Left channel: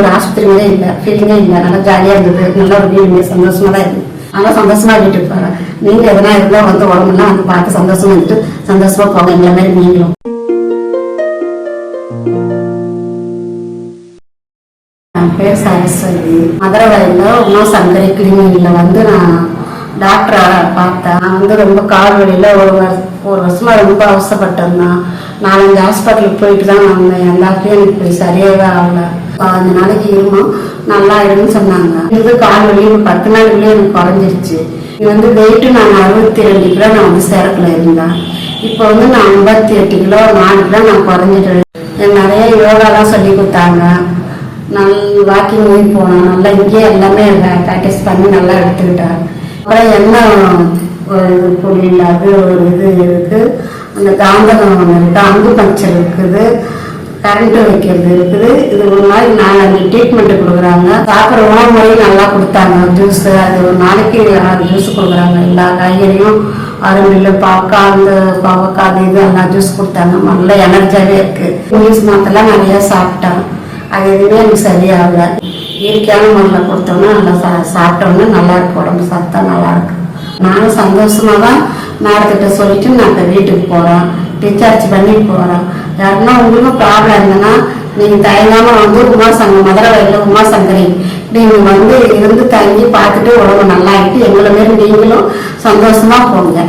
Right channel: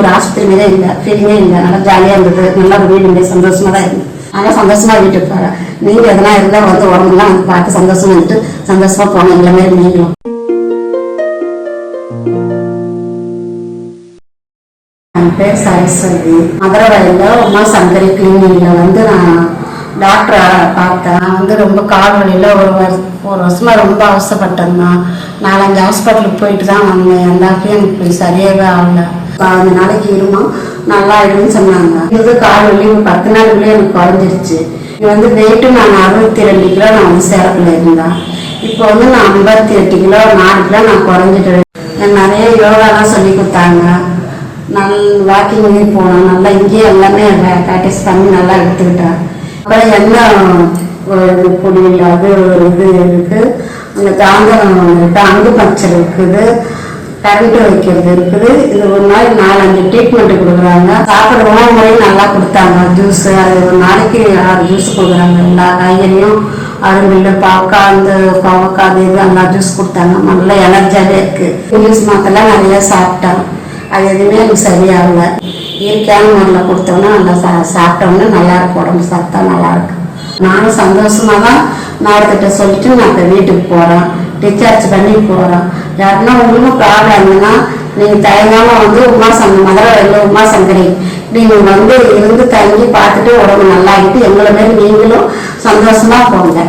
ஒரு ஆஸ்பத்திரி மாதிரியே இல்லை, ஃபீலிங்கே இல்லை. நல்லா ஜாலியாக இருந்தது, நல்லா ரொம்ப சந்தோஷமா தான் இருந்தது. ஆனால் சந்தோஷமா வீட்டுக்கு போகிறேன். நீங்கள் எதனா இருந்தால் வந்து உடம்புலாம் வந்து பார்த்து சந்தோஷமா வந்துட்டு சந்தோஷமா போங்க. எங்களை மாதிரி நீங்களும். என் பேர் சரஸ்வதி. மதுரவாயில உமா சங்கரி கிளினிக்ல வந்து நான் டாக்டரை பார்த்தேன். நான் வந்து ரொம்ப கால் வழியில் ஒரு வருஷமா ரொம்ப அவசரப்பட்டிருந்தேன். 4-5 ஹாஸ்பிட்டலுக்கு போயிட்டு தான் வந்தேன். எல்லாத்தையும் எனக்கு போய் சரியாகவே ஆகல. 15 நாளைக்கு இருந்தோம், நல்லா ஆயிடும்னு சொன்னாங்க. இது கால் வலி 10 நாளுக்குள்ளே எனக்கு குறைஞ்சிருச்சு. இது வந்து வெயிட்டு நான் 62 கிலோ நான் வந்து சேரக்குள்ள இருந்தேன். இப்போ வந்து நான் 58 கிலோ 4 கிலோ நான் குறைஞ்சிட்டேன். எனக்கு நிறைய யோகாலாம் சொல்லி கொடுத்தாங்க. வாக்கிங் போனோம். நல்லா இங்கேயே எல்லாமே ப்ராக்டிஸ் பண்ணி நல்லா எடுத்துக்கிட்டேன். அப்புறம் என்ன பொடி இல்லாத ஒரு இது இருக்கு, அந்த காந்தம் இருக்கு, அங்கு பஞ்சர் இருக்குது, கரண்ட் வைக்கிறது இருக்குது. இது ஒரு நாளைக்கு 4-5 ட்ரீட்மெண்ட் கொடுக்குறாங்க. சாப்பிட்ற உணவு முறையும் நல்லா கொடுத்தாங்க. ஜூஸ் அது ஒரு நாளைக்கு 6 ஜூஸ் கொடுக்குறாங்க. எல்லா காய்கறியும் அருமையில் பாவக்காய் இது எல்லா ஜூஸ் கொடுத்தாங்க. நல்லா எனர்ஜியாகவே இருக்கு. இங்கிலீஷ் மாத்தெல்லாம் நிறைய சாப்பிட்டேன். அது எதுவுமே எனக்கு சரியாகல. இயற்கையான முறையில் கொடுத்தோம்னா நல்லா சாப்பிட்டோம்னா நல்லா இருக்கு, உடம்பு சாப்பிட்டா நல்லா இருக்கு. நானும் சந்தோஷமா தான் மேடத்திட்ட சொல்லிட்டு நான் இப்போ வீட்டுக்கு போகிறேன், டிஸ்சார்ஜ் பண்ணி போகிறேன். யாருன்னா உங்களுக்கு ப்ராப்ளம் இருந்ததுன்னா நீங்கள் தயங்காம வந்து மதுரவாயில உமா சங்கரி நீங்கள் வந்து இருந்து தங்கி பார்த்துட்டு உடம்பு நல்லா ஆகிட்டு எங்களை மாரி நீங்களும் சந்தோஷமா போங்க.